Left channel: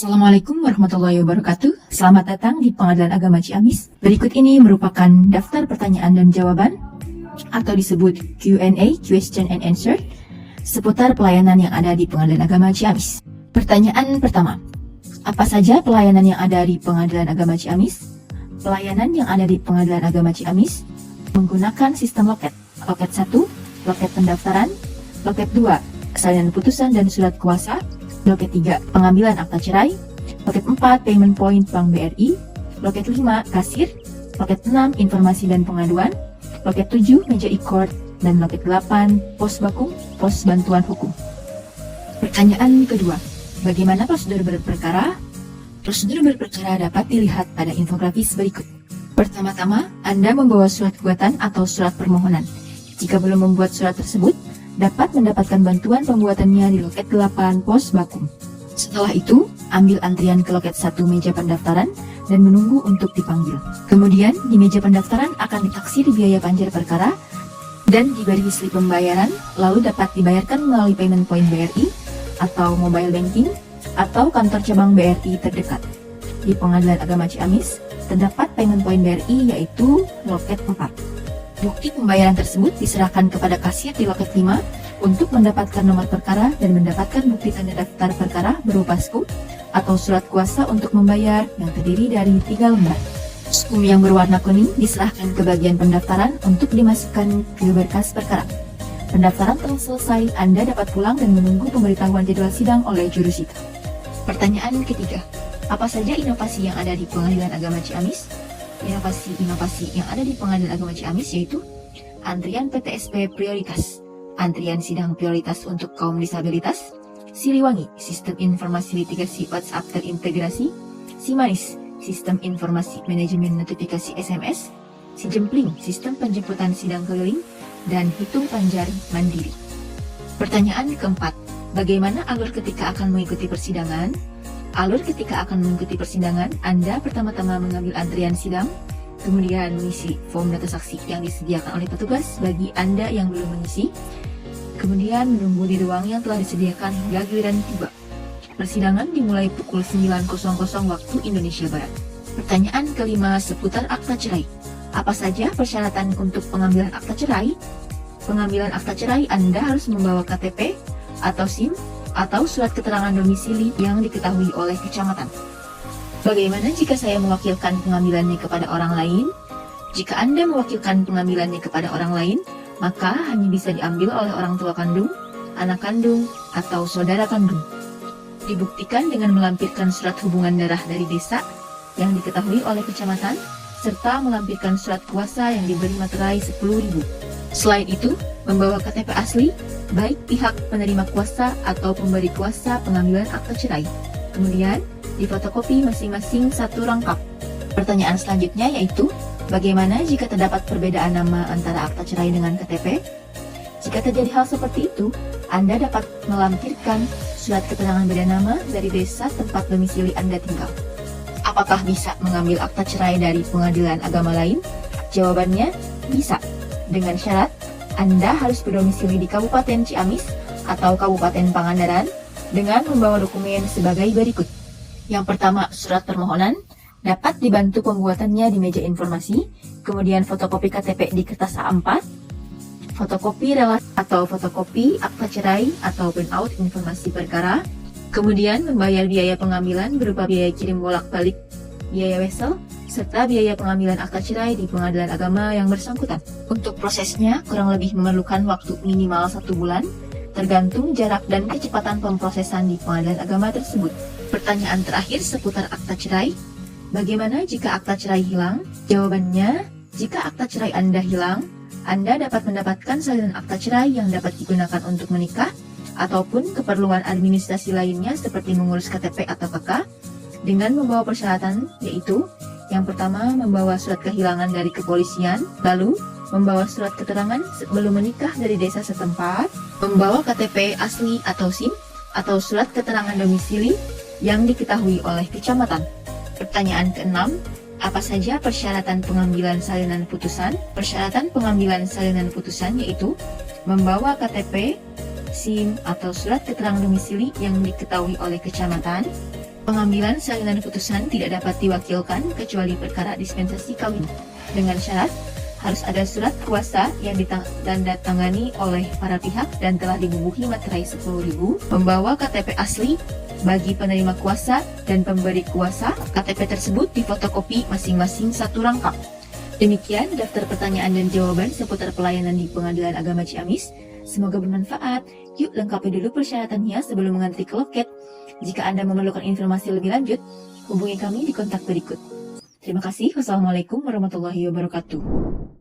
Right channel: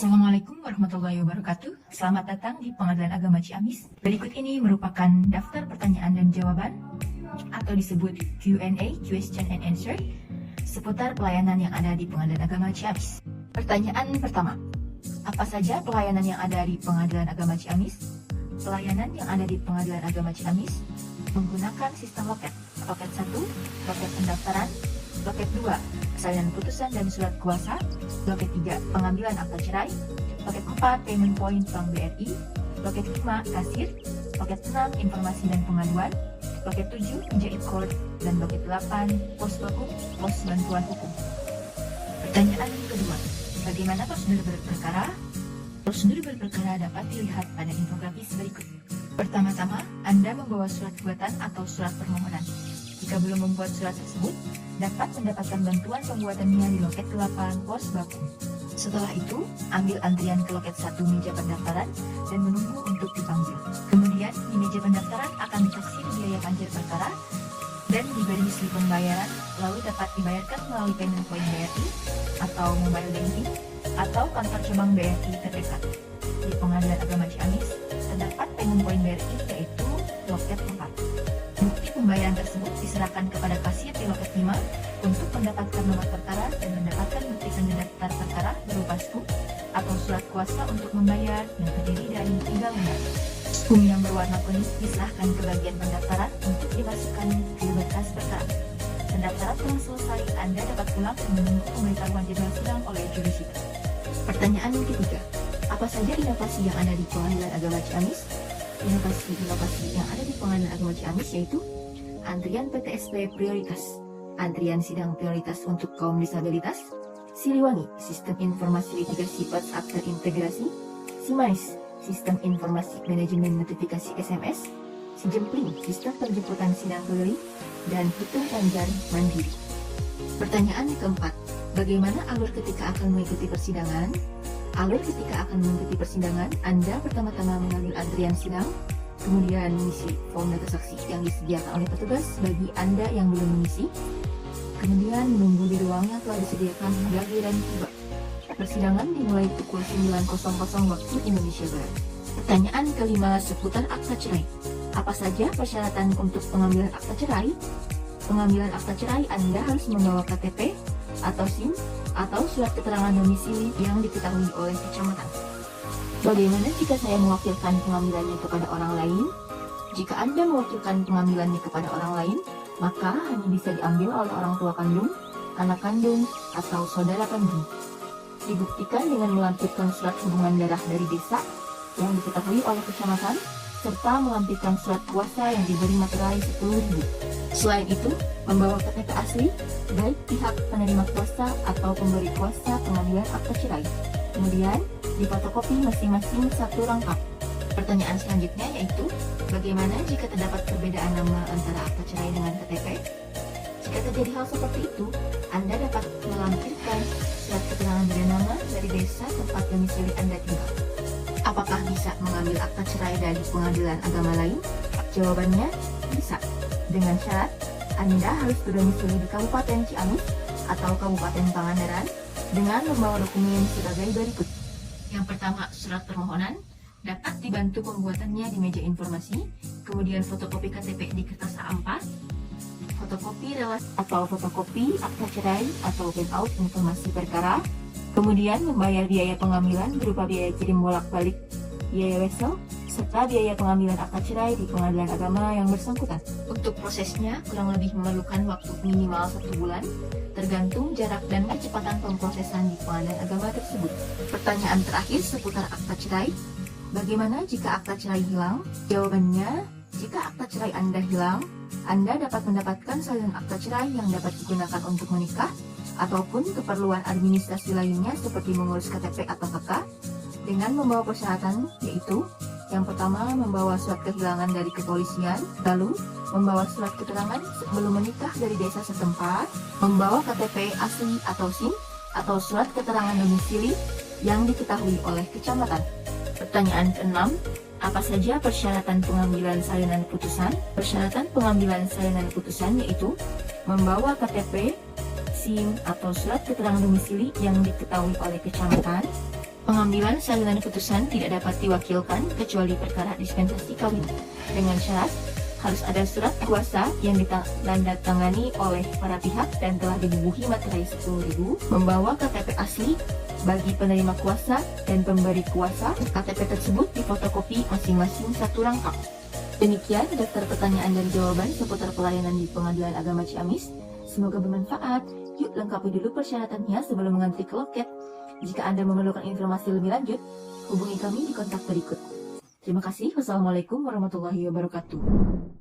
Assalamualaikum warahmatullahi wabarakatuh. Selamat datang di Pengadilan Agama Ciamis. Berikut ini merupakan daftar pertanyaan dan jawaban atau disebut Q&A, Question and Answer, seputar pelayanan yang ada di Pengadilan Agama Ciamis. Pertanyaan pertama, apa saja pelayanan yang ada di Pengadilan Agama Ciamis? Pelayanan yang ada di Pengadilan Agama Ciamis menggunakan sistem loket. Loket 1, loket pendaftaran. Loket 2, salinan putusan dan surat kuasa. Loket 3, pengambilan akta cerai. Loket 4, payment point Bank BRI. Loket 5, kasir. Loket 6, informasi dan pengaduan. Loket 7, meja e-court. Dan loket 8, pos bakum, pos bantuan hukum. Pertanyaan kedua, bagaimana prosedur berperkara? Prosedur berperkara dapat dilihat pada infografis berikut. Pertama-tama, Anda membawa surat gugatan atau surat permohonan. Jika belum membuat surat tersebut, dapat mendapatkan bantuan pembuatannya di loket 8 pos bakum. Setelah itu, ambil antrian ke loket 1 meja pendaftaran dan menunggu untuk dipanggil. Kemudian, di meja pendaftaran akan ditaksir biaya panjer perkara dan diberi slip pembayaran, lalu dapat dibayarkan melalui payment point BRI atau mobile banking atau kantor cabang BRI terdekat. Di Pengadilan Agama Ciamis, terdapat payment point BRI yaitu loket 4. Bukti pembayaran tersebut diserahkan kepada kasir di loket 5 untuk mendapatkan nomor perkara dan mendapatkan bukti tanda daftar perkara berupa SKUM atau surat kuasa untuk membayar yang terdiri dari 3 lembar. SKUM yang berwarna kuning diserahkan ke bagian pendaftaran untuk dimasukkan ke berkas perkara. Pendaftaran telah selesai, Anda dapat pulang dan menunggu pemberitahuan jadwal sidang oleh jurusita. Pertanyaan ketiga, apa saja inovasi yang ada di Pengadilan Agama Ciamis? Inovasi yang ada di Pengadilan Agama Ciamis yaitu antrian PTSP prioritas, antrian sidang prioritas untuk kaum disabilitas, Siliwangi, sistem informasi litigasi WhatsApp terintegrasi, Simanis, sistem informasi manajemen notifikasi SMS, Sijempling, sistem penjemputan sidang keliling, dan hitung panjar mandiri. Pertanyaan keempat, bagaimana alur ketika akan mengikuti persidangan? Alur ketika akan mengikuti persidangan, Anda pertama-tama mengambil antrian sidang, kemudian mengisi form data saksi yang disediakan oleh petugas bagi Anda yang belum mengisi, kemudian menunggu di ruang yang telah disediakan hingga giliran tiba. Persidangan dimulai pukul 9.00 waktu Indonesia Barat. Pertanyaan kelima seputar akta cerai. Apa saja persyaratan untuk pengambilan akta cerai? Pengambilan akta cerai Anda harus membawa KTP atau SIM atau surat keterangan domisili yang diketahui oleh kecamatan. Bagaimana jika saya mewakilkan pengambilannya kepada orang lain? Jika Anda mewakilkan pengambilannya kepada orang lain, maka hanya bisa diambil oleh orang tua kandung, anak kandung, atau saudara kandung. Dibuktikan dengan melampirkan surat hubungan darah dari desa yang diketahui oleh kecamatan, serta melampirkan surat kuasa yang diberi materai 10.000. Selain itu, membawa KTP asli, baik pihak penerima kuasa atau pemberi kuasa pengambilan akta cerai. Kemudian, difotokopi masing-masing satu rangkap. Pertanyaan selanjutnya yaitu, bagaimana jika terdapat perbedaan nama antara akta cerai dengan KTP? Jika terjadi hal seperti itu, Anda dapat melampirkan surat keterangan beda nama dari desa tempat domisili Anda tinggal. Apakah bisa mengambil akta cerai dari pengadilan agama lain? Jawabannya, bisa. Dengan syarat, Anda harus berdomisili di Kabupaten Ciamis atau Kabupaten Pangandaran dengan membawa dokumen sebagai berikut. Yang pertama, surat permohonan dapat dibantu pembuatannya di meja informasi, kemudian fotokopi KTP di kertas A4, fotokopi relasi atau fotokopi akta cerai atau printout informasi perkara, kemudian membayar biaya pengambilan berupa biaya kirim bolak-balik, biaya wesel, serta biaya pengambilan akta cerai di pengadilan agama yang bersangkutan. Untuk prosesnya kurang lebih memerlukan waktu minimal 1 bulan, tergantung jarak dan kecepatan pemprosesan di pengadilan agama tersebut. Pertanyaan terakhir seputar akta cerai. Bagaimana jika akta cerai hilang? Jawabannya, jika akta cerai Anda hilang, Anda dapat mendapatkan salinan akta cerai yang dapat digunakan untuk menikah, ataupun keperluan administrasi lainnya seperti mengurus KTP atau KK, dengan membawa persyaratan yaitu, yang pertama, membawa surat kehilangan dari kepolisian, lalu membawa surat keterangan sebelum menikah dari desa setempat, membawa KTP asli atau SIM, atau surat keterangan domisili yang diketahui oleh kecamatan. Pertanyaan keenam, apa saja persyaratan pengambilan salinan putusan? Persyaratan pengambilan salinan putusan yaitu membawa KTP, SIM, atau surat keterangan domisili yang diketahui oleh kecamatan, Pengambilan salinan putusan tidak dapat diwakilkan kecuali perkara dispensasi kawin. Dengan syarat, harus ada surat kuasa yang ditandatangani oleh para pihak dan telah dibubuhi materai 10.000, membawa KTP asli bagi penerima kuasa dan pemberi kuasa. KTP tersebut difotokopi masing-masing satu rangkap. Demikian daftar pertanyaan dan jawaban seputar pelayanan di Pengadilan Agama Ciamis. Semoga bermanfaat. Yuk lengkapi dulu persyaratannya sebelum mengantri ke loket. Jika Anda memerlukan informasi lebih lanjut, hubungi kami di kontak berikut. Terima kasih. Wassalamualaikum warahmatullahi wabarakatuh.